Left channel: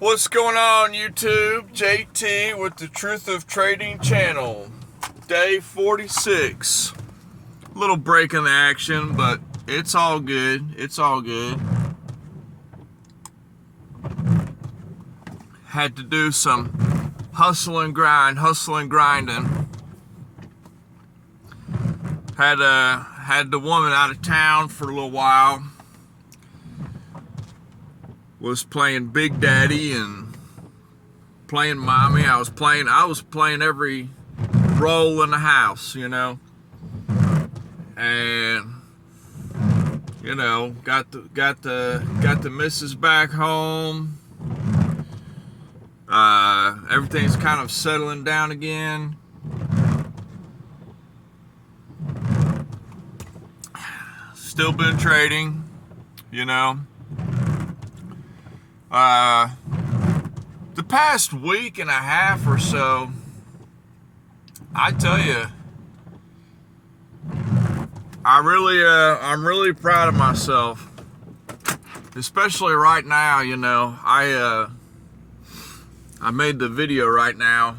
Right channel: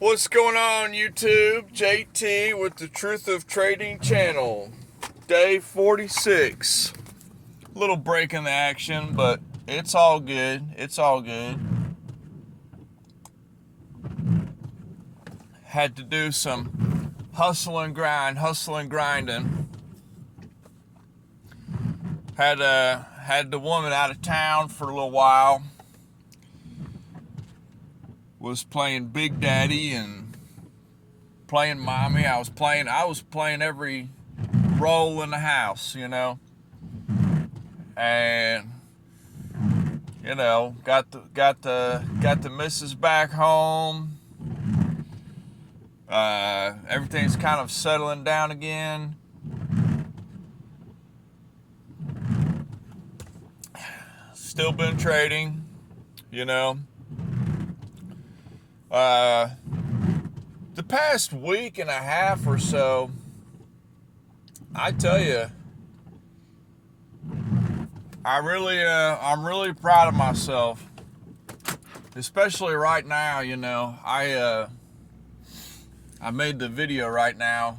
What's going on, YouTube? JT with the Truth of Trading channel. Day 46. Little break in the action, but it's all good. It's all good. Had to do some hustling, grinding. Had the woman out of town for a little while. Was playing Big Daddy and playing Mommy. I was playing every role in the house, and got the missus back home. Everything's kind of settling down again. Still been trading, the past week and a half or so, I tell you, I'm really proud of myself, especially right now. I made the video right now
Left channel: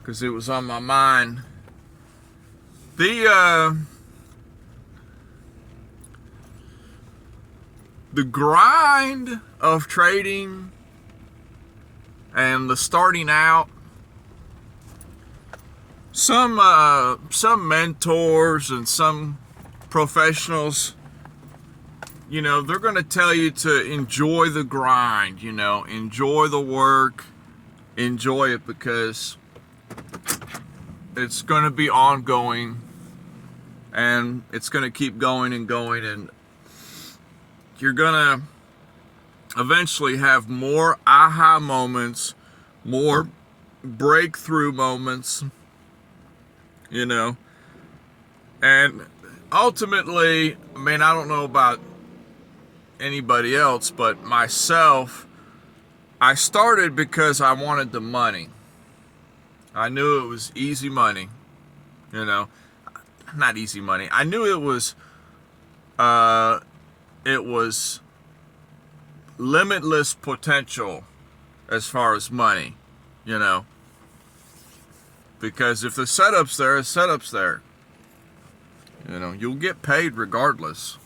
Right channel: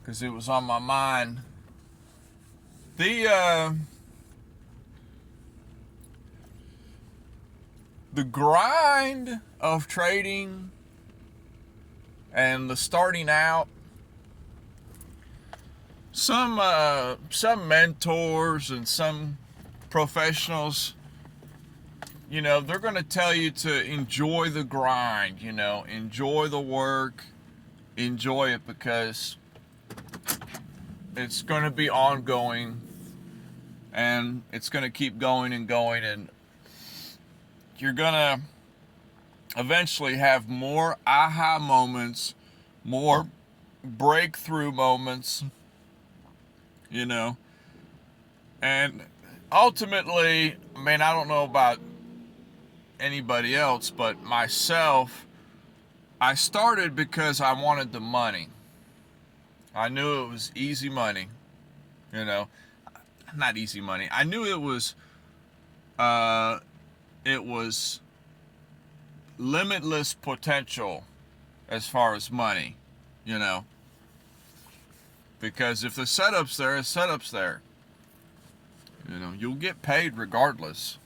because it was on my mind. The grind of trading and the starting out, some mentors and some professionals, they're going to tell you to enjoy the grind, enjoy the work, enjoy it, because it's going to be ongoing and it's going to keep going and going, and you're gonna eventually have more aha moments, more breakthrough moments, and ultimately, I don't know about anybody else, but myself, I started because I wanted the money. I knew it was easy money, not easy money. I knew it was limitless potential as far as money, because if the setup's there, the setup's there. You'll get paid regardless.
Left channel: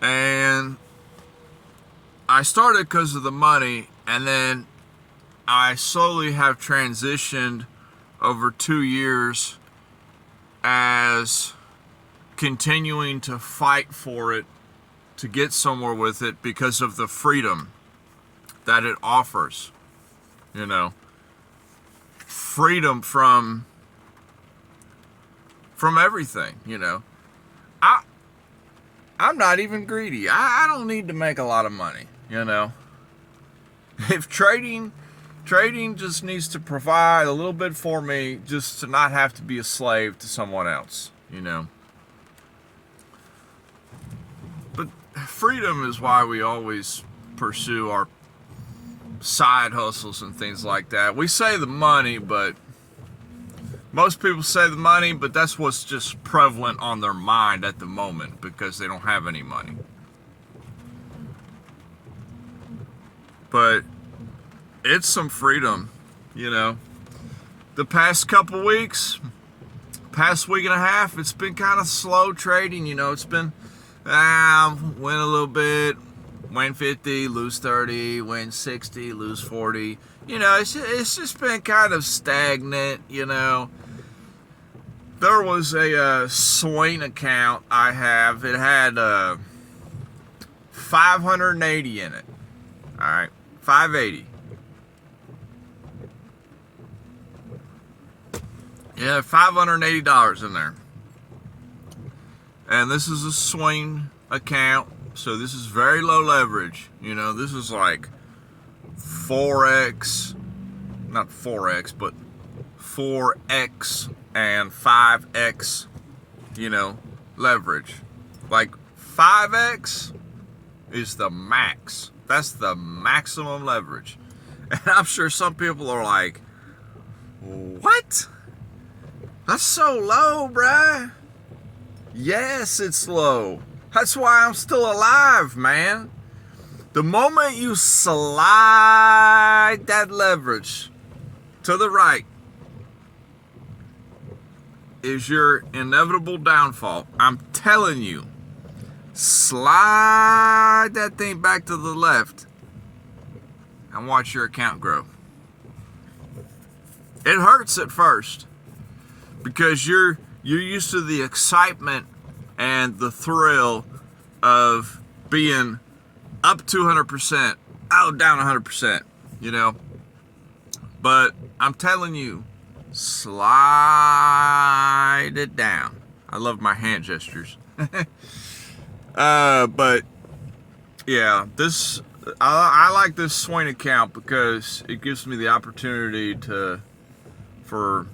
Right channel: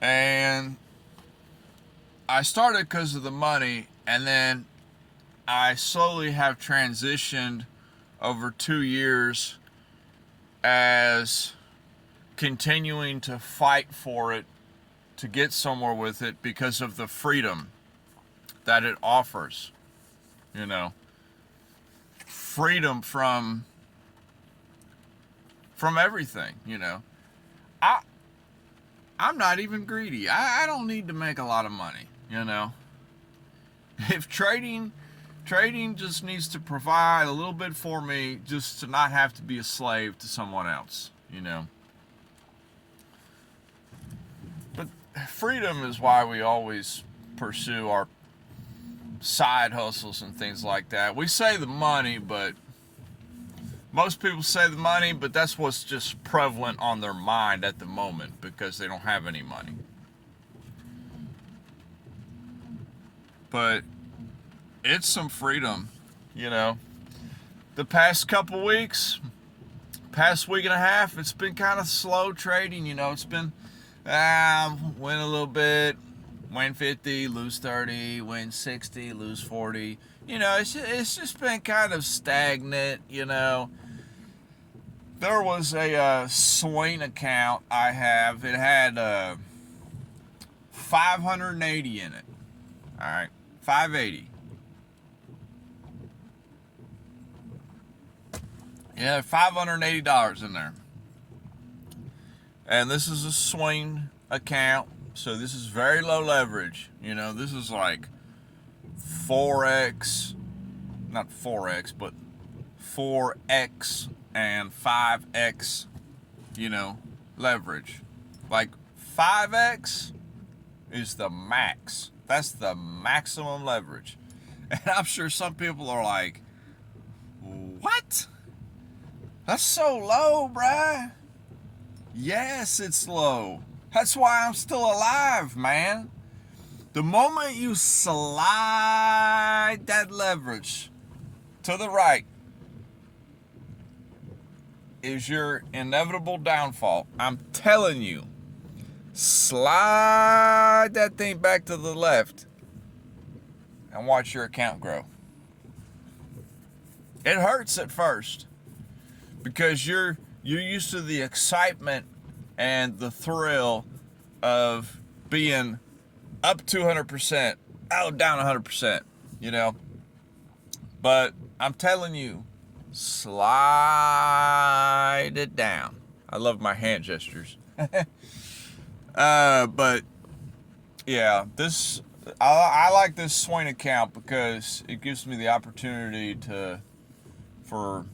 And I started because of the money, and then I slowly have transitioned over 2 years as continuing to fight for it, to get somewhere with it, because of the freedom that it offers. Freedom from everything. I'm not even greedy. I don't need to make a lot of money. If trading just needs to provide a little bit for me, just to not have to be a slave to someone else. But freedom is why we always pursue our side hustles and things like that. We say the money, but most people say the money, but that's what's just prevalent on their mind at the moment, because they don't have any money. But it's some freedom, The past couple weeks, past week and a half, it's been kind of slow trading. It's been win a little bit, win 50, lose 30, win 60, lose 40. It's just been kind of stagnant. There was a Swain account I have. It had 580 in it. All right, 580. Yeah, $580 in there. And this is a Swain account, so this is very low leverage. This is like 4x, not 4x, but 4x and 5x, leverage. Like 5x is the max. That's the maximum leverage. And I'm sure some people are like, what? That's so low, bruh. Yes, it's low. That's why I'm still alive, man. The moment you slide that leverage to the right is your inevitable downfall. I'm telling you, slide that thing back to the left and watch your account grow. It hurts at first because you're used to the excitement and the thrill of being up 200%, down 100%, you know. But I'm telling you, slide it down. I love my hand gestures. But yeah, I like this swing account because it gives me the opportunity for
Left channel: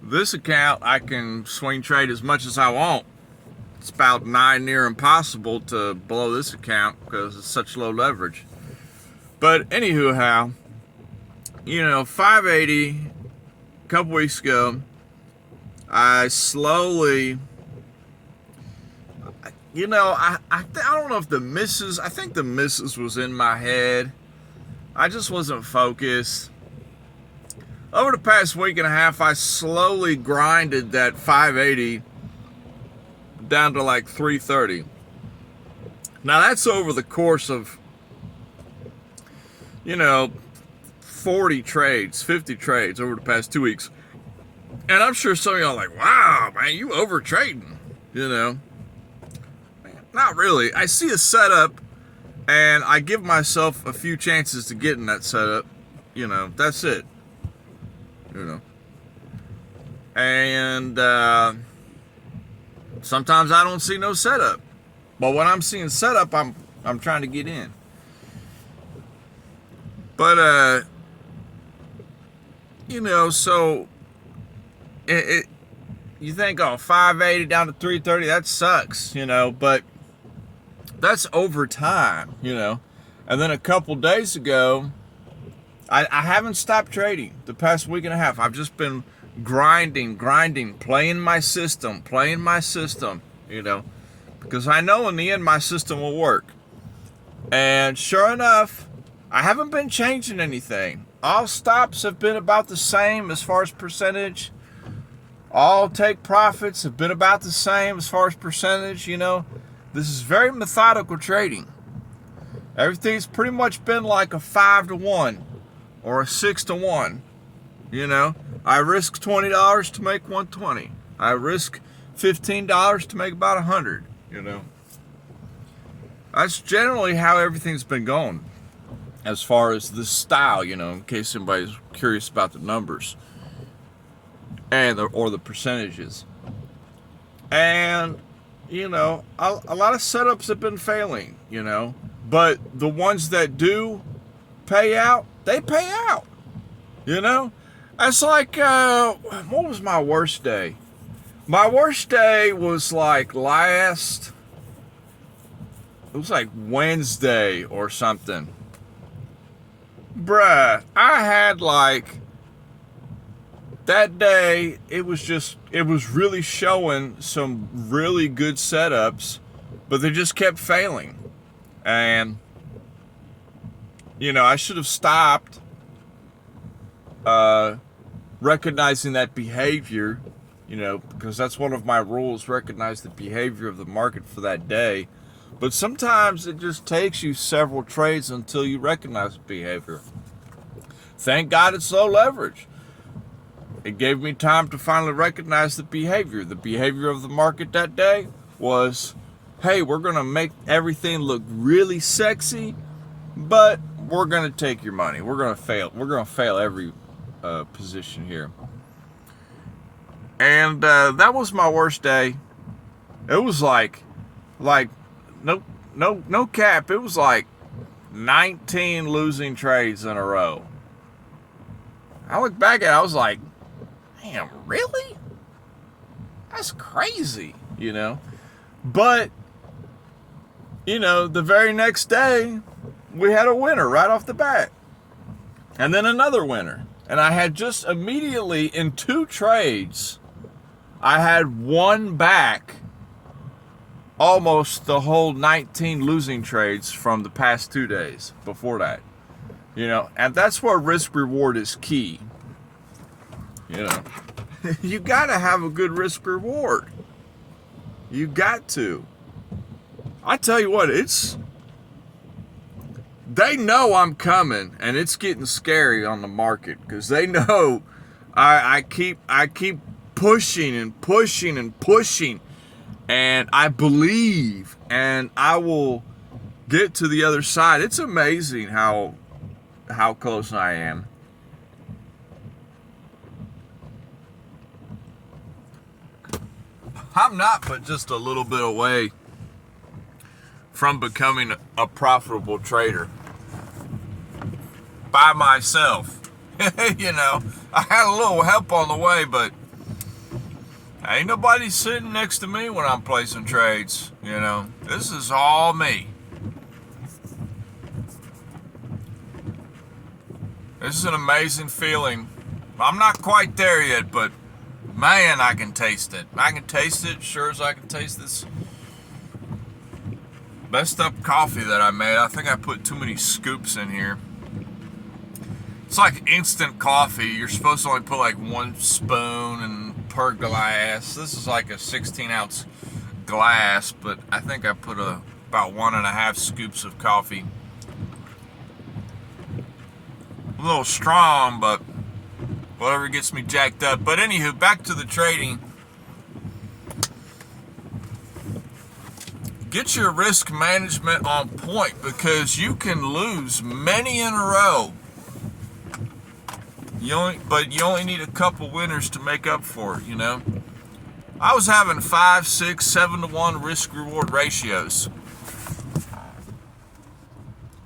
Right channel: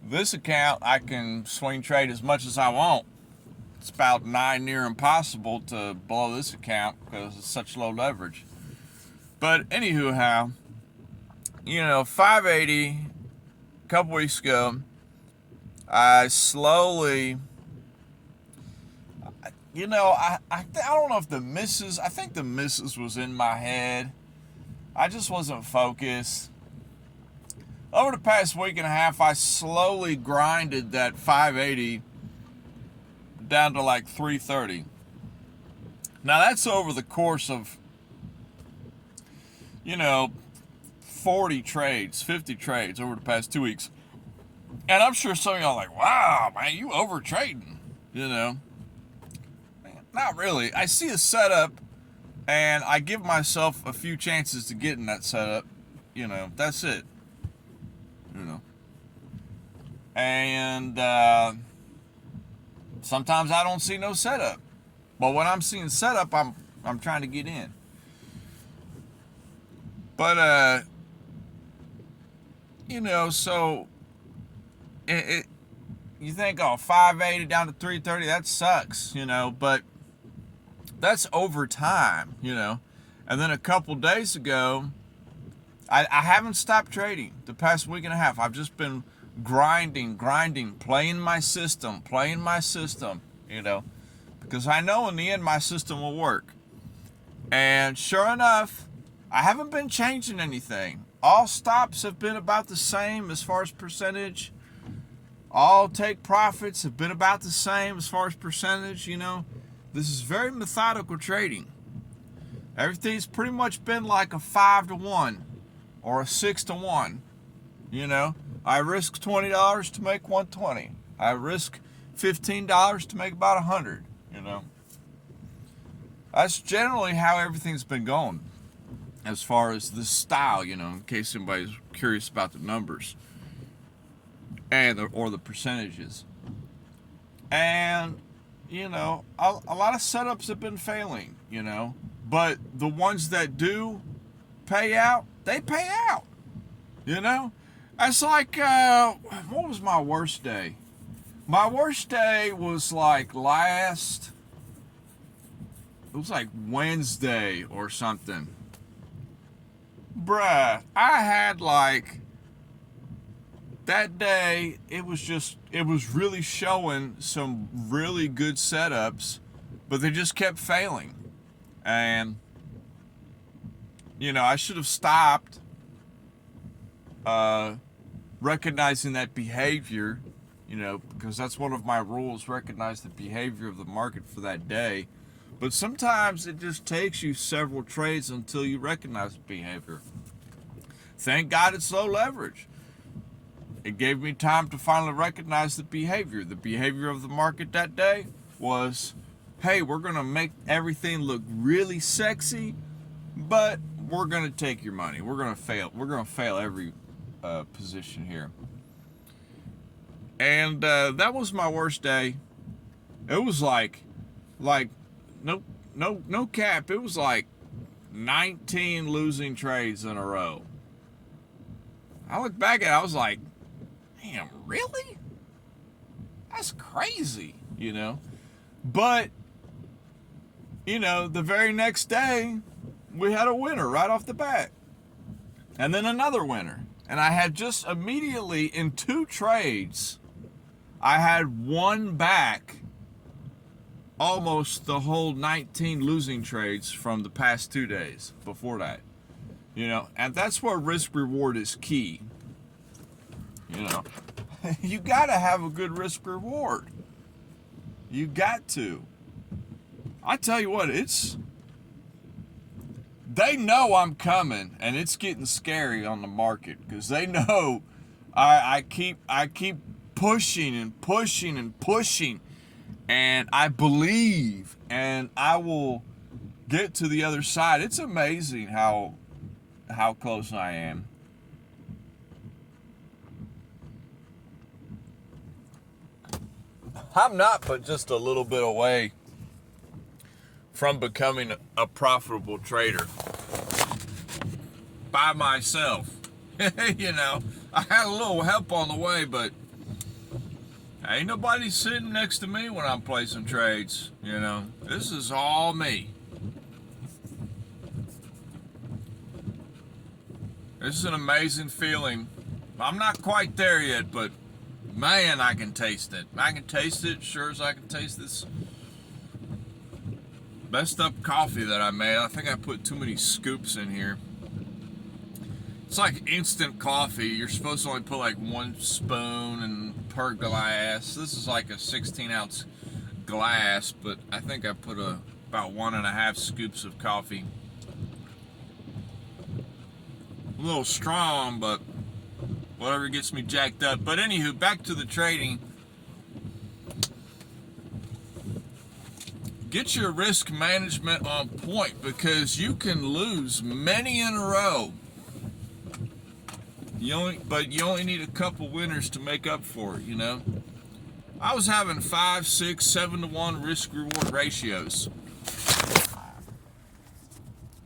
this account, I can swing trade as much as I want. It's about near impossible to blow this account because it's such low leverage. But anywho, 580 a couple weeks ago, I slowly, I don't know if the misses, I think the misses was in my head. I just wasn't focused. Over the past week and a half, I slowly grinded that 580 down to like 330. Now that's over the course of, 40 trades, 50 trades over the past 2 weeks. And I'm sure some of y'all are like, wow, man, you over trading, Not really. I see a setup and I give myself a few chances to get in that setup. That's it. And sometimes I don't see no setup. But when I'm seeing setup, I'm trying to get in. But so you think, 580 down to 330, that sucks, but that's over time, And then a couple days ago, I haven't stopped trading the past week and a half. I've just been grinding, playing my system, because I know in the end my system will work. And sure enough, I haven't been changing anything. All stops have been about the same as far as percentage. All take profits have been about the same as far as percentage, This is very methodical trading. Everything's pretty much been like a 5-to-1 or a 6-to-1, I risk $20 to make 120. I risk $15 to make about 100, That's generally how everything's been going as far as the style, in case anybody's curious about the numbers or the percentages. And, a lot of setups have been failing, but the ones that do pay out, they pay out, That's like, what was my worst day? My worst day was like Wednesday or something. Bruh, I had that day, it was really showing some really good setups, but they just kept failing. And, I should have stopped recognizing that behavior, because that's one of my rules, recognize the behavior of the market for that day. But sometimes it just takes you several trades until you recognize the behavior. Thank God it's low leverage. It gave me time to finally recognize the behavior. The behavior of the market that day was, hey, we're going to make everything look really sexy, but we're going to take your money. We're going to fail. We're going to fail every position here. And that was my worst day. It was like no cap. It was like 19 losing trades in a row. I look back at it, I was like, damn, really? That's crazy, But, the very next day, we had a winner right off the bat. And then another winner. And I had just immediately, in 2 trades, I had one back almost the whole 19 losing trades from the past 2 days before that. And that's where risk reward is key. You got to have a good risk reward. You got to. I tell you what, they know I'm coming, and it's getting scary on the market because they know I keep pushing and pushing and pushing, and I believe, and I will get to the other side. It's amazing how close I am. I'm not but just a little bit away from becoming a profitable trader by myself. I had a little help on the way, but ain't nobody sitting next to me when I'm placing trades. This is all me. This is an amazing feeling. I'm not quite there yet, but man, I can taste it. I can taste it sure as I can taste this messed up coffee that I made. I think I put too many scoops in here. It's like instant coffee. You're supposed to only put like 1 spoon per glass. This is like a 16-ounce glass, but I think I put about 1.5 scoops of coffee. A little strong, but whatever gets me jacked up. But anywho, back to the trading. Get your risk management on point because you can lose many in a row. But you only need a couple winners to make up for it, I was having 5, 6, 7 to 1 risk reward ratios.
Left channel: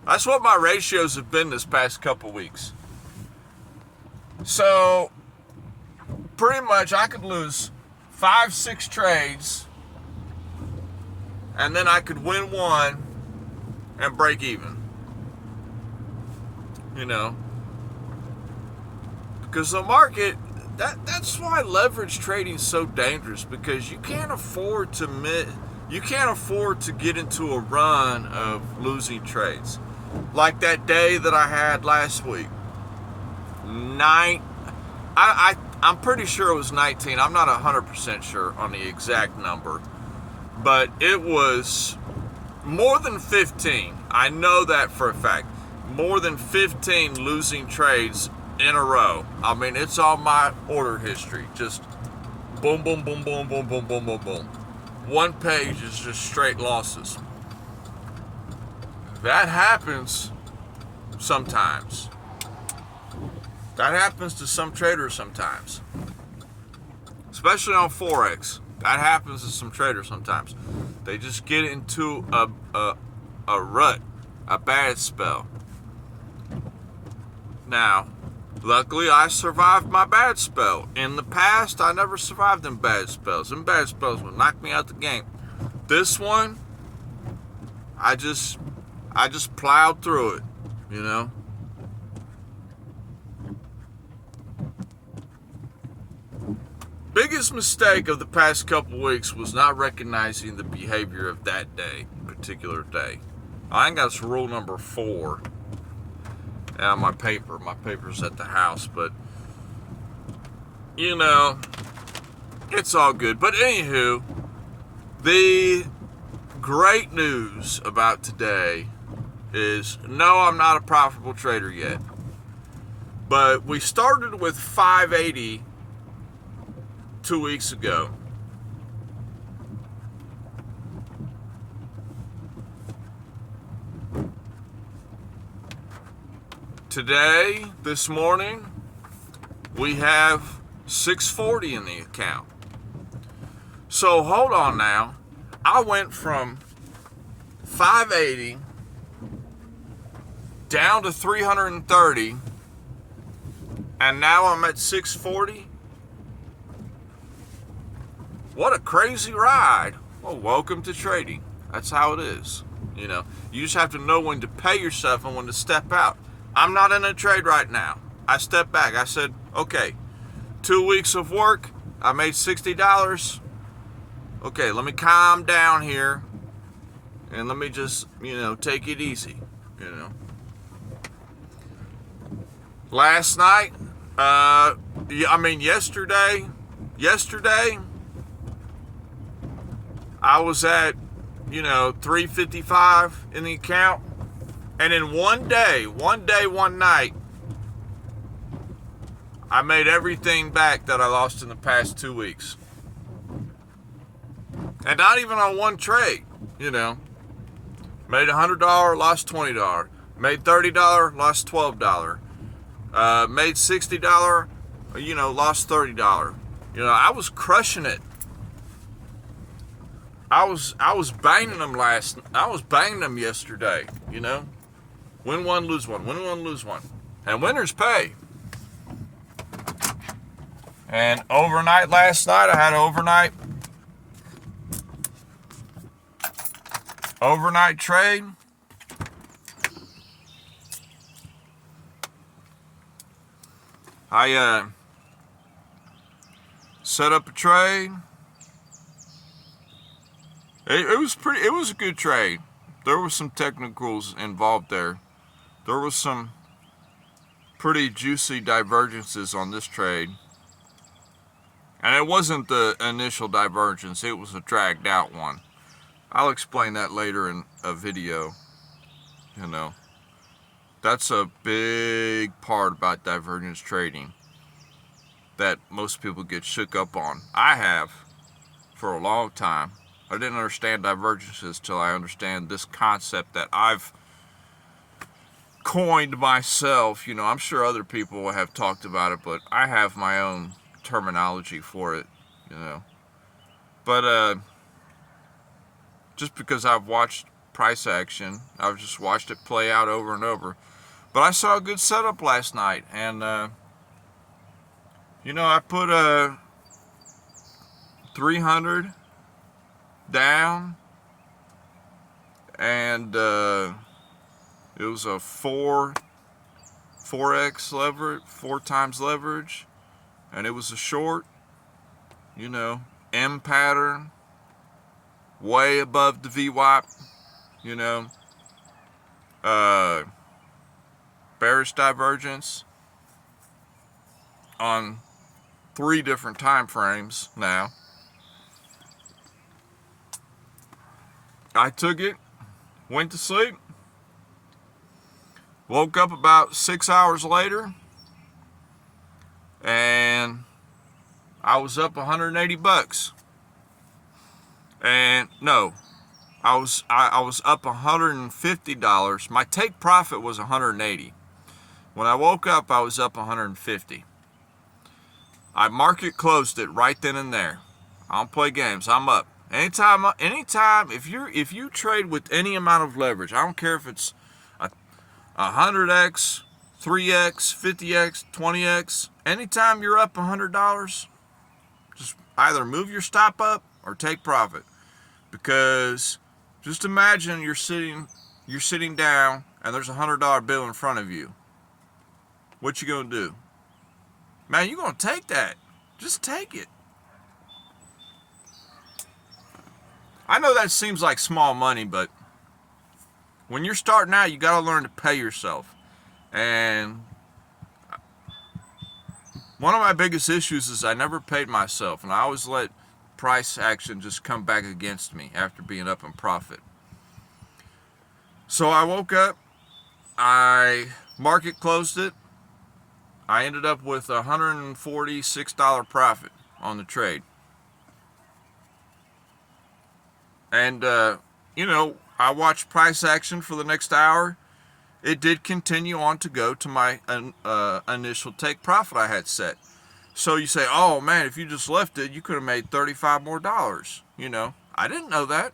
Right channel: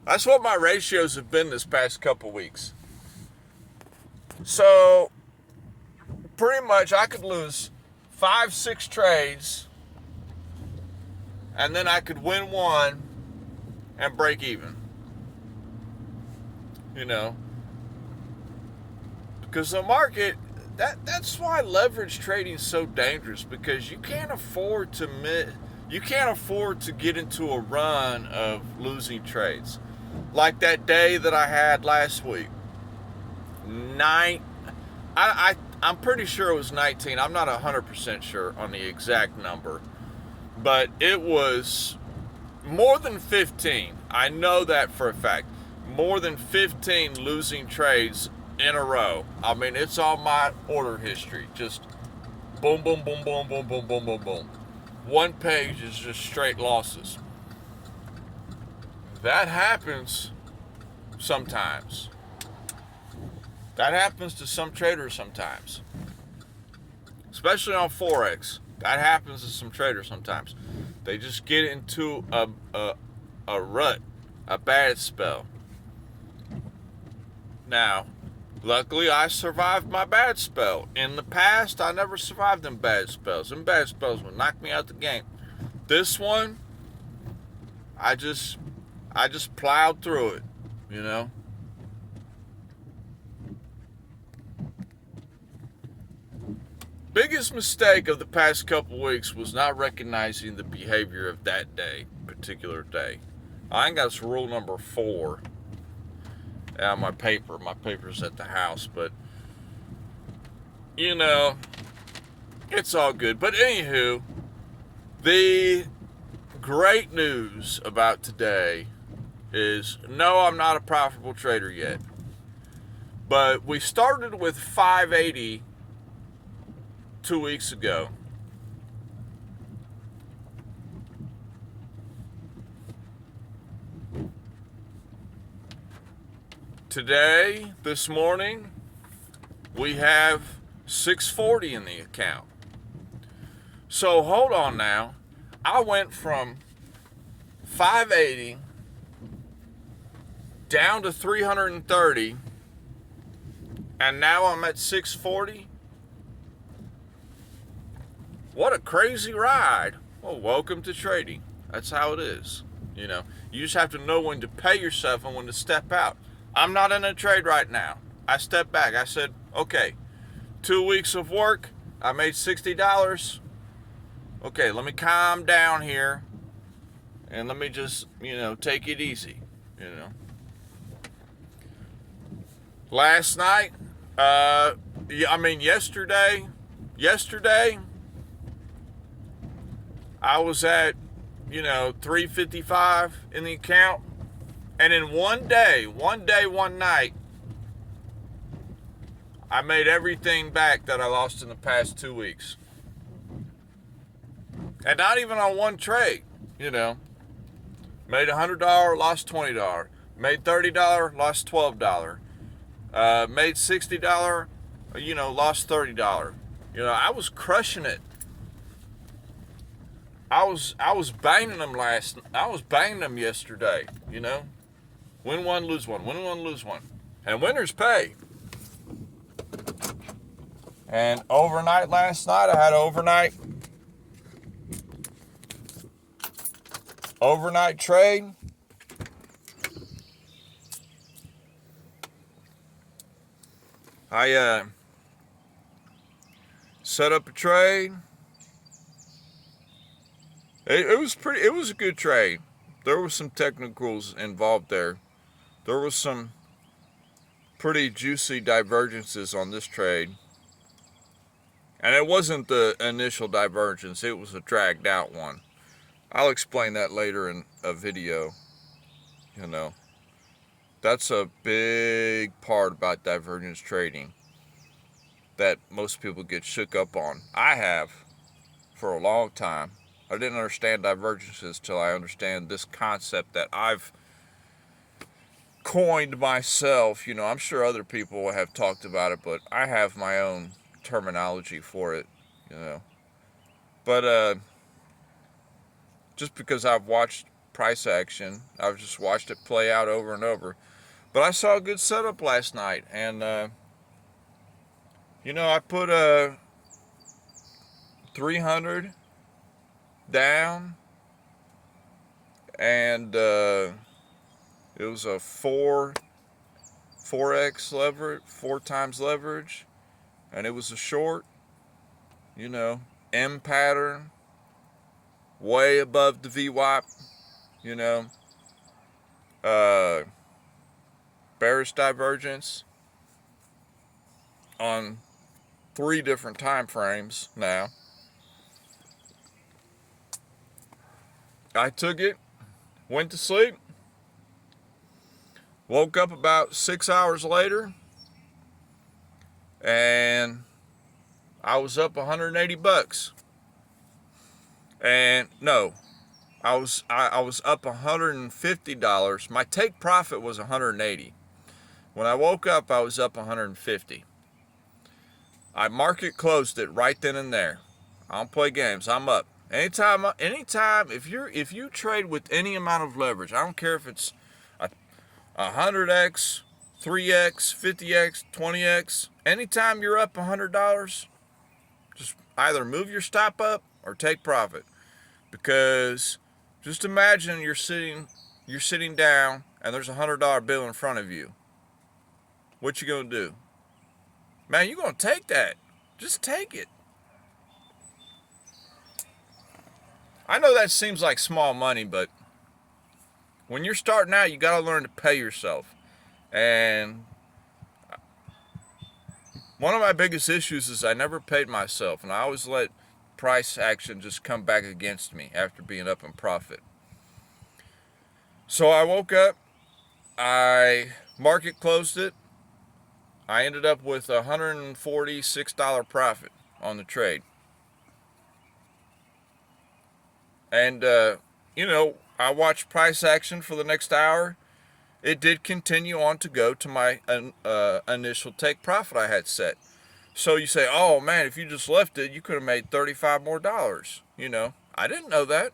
That's what my ratios have been this past couple weeks. So pretty much I could lose 5, 6 trades, and then I could win 1 and break even. Because the market, that's why leverage trading is so dangerous, because you can't afford to get into a run of losing trades. Like that day that I had last week. I'm pretty sure it was 19. I'm not 100% sure on the exact number, but it was more than 15. I know that for a fact. More than 15 losing trades in a row. I mean, it's on my order history. Just boom, boom, boom, boom, boom, boom, boom, boom, boom. One page is just straight losses. That happens sometimes. That happens to some traders sometimes. Especially on Forex. That happens to some traders sometimes. They just get into a rut, a bad spell. Now, luckily I survived my bad spell. In the past, I never survived them bad spells. Them bad spells would knock me out the game. This one, I just plowed through it, Biggest mistake of the past couple weeks was not recognizing the behavior of that day, particular day. I ain't got rule number 4. Yeah, my paper's at the house, but it's all good. But anywho, the great news about today is no, I'm not a profitable trader yet. But we started with 580 2 weeks ago. Today, this morning, we have 640 in the account. So hold on now. I went from 580 down to 330, and now I'm at 640. What a crazy ride. Well, welcome to trading. That's how it is. You just have to know when to pay yourself and when to step out. I'm not in a trade right now. I stepped back. I said, okay, 2 weeks of work. I made $60. okay, let me calm down here and let me just, take it easy, Last night, yesterday, I was at, 355 in the account. And in one day, one night, I made everything back that I lost in the past 2 weeks. And not even on one trade, Made $100, lost $20. Made $30, lost $12. Made $60, lost $30. I was crushing it. I was banging them yesterday, Win one, lose one. Win one, lose one. And winners pay. And overnight last night, I had an overnight trade. I set up a trade. It was a good trade. There was some technicals involved there. There was some pretty juicy divergences on this trade. And it wasn't the initial divergence, it was a dragged out one. I'll explain that later in a video. That's a big part about divergence trading that most people get shook up on. I have for a long time. I didn't understand divergences till I understand this concept that I've coined myself. I'm sure other people have talked about it, but I have my own terminology for it, But just because I've watched price action, I've just watched it play out over and over. But I saw a good setup last night, and I put a 300 down, and it was a 4x leverage, 4 times leverage, and it was a short, M pattern, way above the VWAP, bearish divergence on 3 different time frames now. I took it, went to sleep, woke up about 6 hours later, and I was up $180. And no, I was up $150. My take profit was $180. When I woke up, I was up $150. I market closed it right then and there. I don't play games. I'm up. Anytime, if you trade with any amount of leverage, I don't care if it's 100x, 3x, 50x, 20x. Anytime you're up $100, just either move your stop up or take profit. Because just imagine you're sitting down and there's a $100 bill in front of you. What you gonna do? Man, you're gonna take that. Just take it. I know that seems like small money, but when you're starting out, you gotta learn to pay yourself. And one of my biggest issues is I never paid myself, and I always let price action just come back against me after being up in profit. So I woke up, I market closed it, I ended up with a $146 profit on the trade. And, I watched price action for the next hour. It did continue on to go to my initial take profit I had set. So you say, oh man, if you just left it, you could have made $35 more. I didn't know that.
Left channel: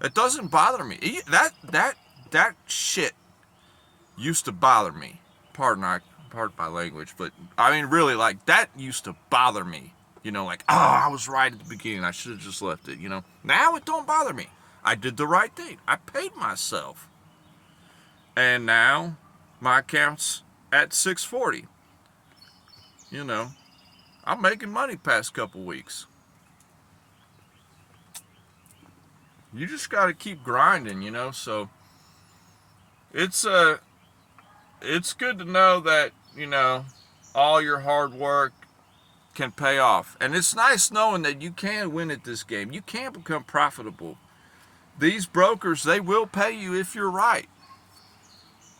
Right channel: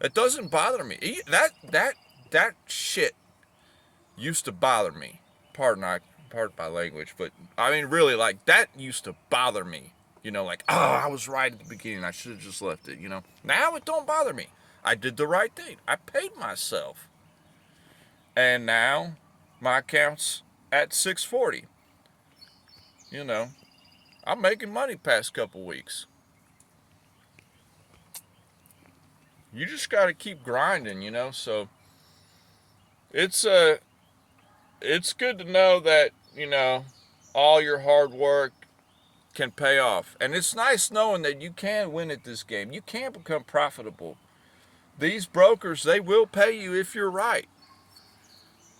It doesn't bother me. That shit used to bother me. Pardon my language, but I mean really, like, that used to bother me. I was right at the beginning. I should have just left it. Now it don't bother me. I did the right thing. I paid myself, and now my account's at 640. I'm making money past couple weeks. you just got to keep grinding, you know. So it's good to know that, you know, all your hard work can pay off. And it's nice knowing that you can win at this game. You can become profitable. These brokers, they will pay you if you're right.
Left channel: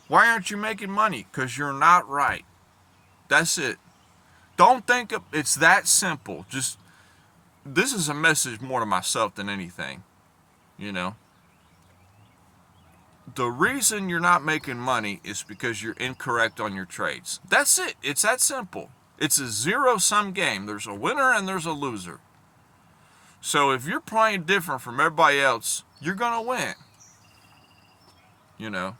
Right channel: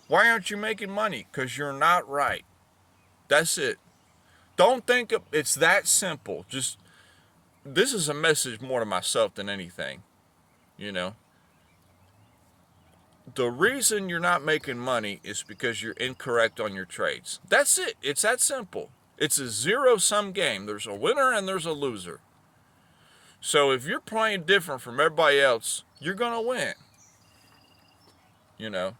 Why aren't you making money? Because you're not right. That's it. Don't think it's that simple. Just, this is a message more to myself than anything, you know. The reason you're not making money is because you're incorrect on your trades. That's it. It's that simple. It's a zero-sum game. There's a winner and there's a loser. So if you're playing different from everybody else, you're going to win. You know.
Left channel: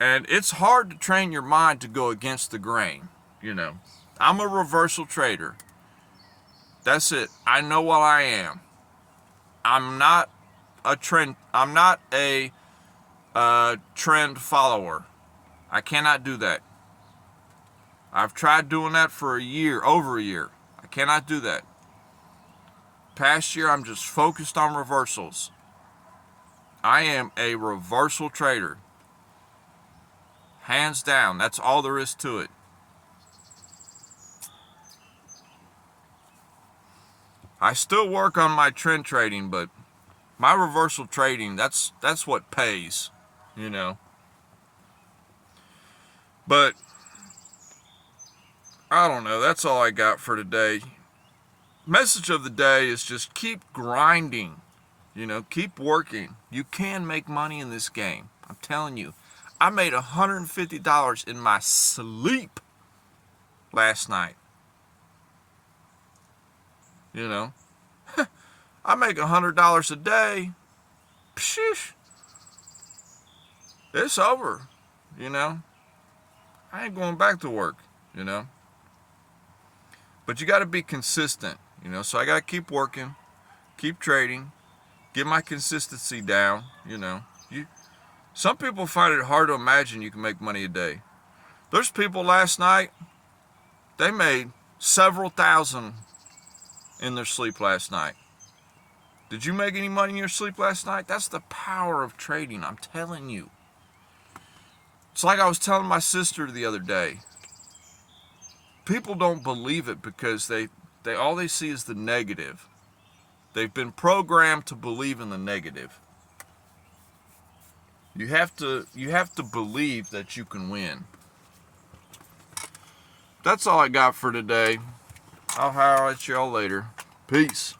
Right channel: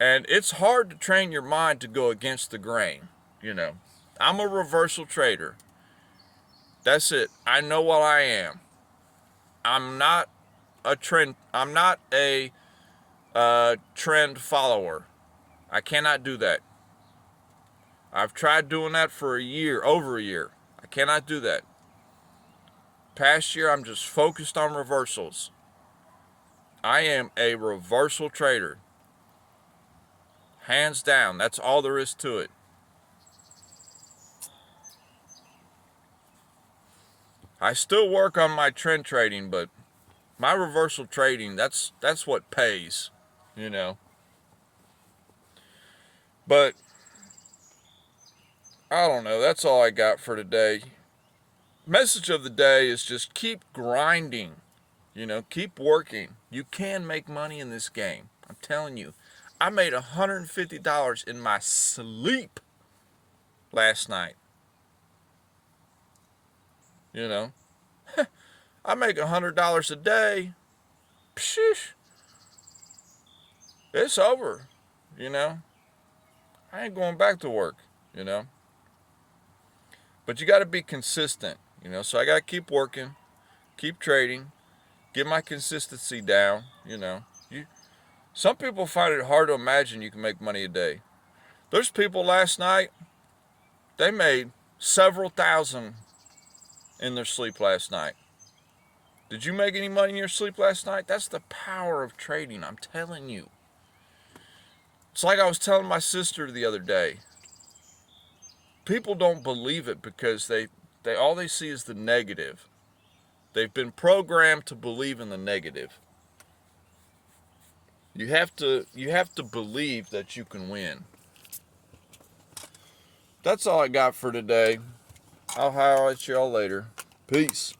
And it's hard to train your mind to go against the grain, you know. I'm a reversal trader. That's it. I know what I am. I'm not a trend follower. I cannot do that. I've tried doing that for over a year. I cannot do that. Past year, I'm just focused on reversals. I am a reversal trader. Hands down, that's all there is to it. I still work on my trend trading, but my reversal trading, that's what pays, you know. But I don't know, that's all I got for today. Message of the day is just keep grinding, you know, keep working. You can make money in this game. I'm telling you. I made $150 in my sleep last night. You know, I make $100 a day. Pshish. It's over, you know. I ain't going back to work, you know. But you got to be consistent, you know. So I got to keep working, keep trading, get my consistency down, you know. Some people find it hard to imagine you can make money a day. There's people last night, they made several thousand in their sleep last night. Did you make any money in your sleep last night? That's the power of trading, I'm telling you. It's like I was telling my sister the other day. People don't believe it because they all they see is the negative. They've been programmed to believe in the negative. You have to believe that you can win. That's all I got for today. I'll holler at y'all later. Peace.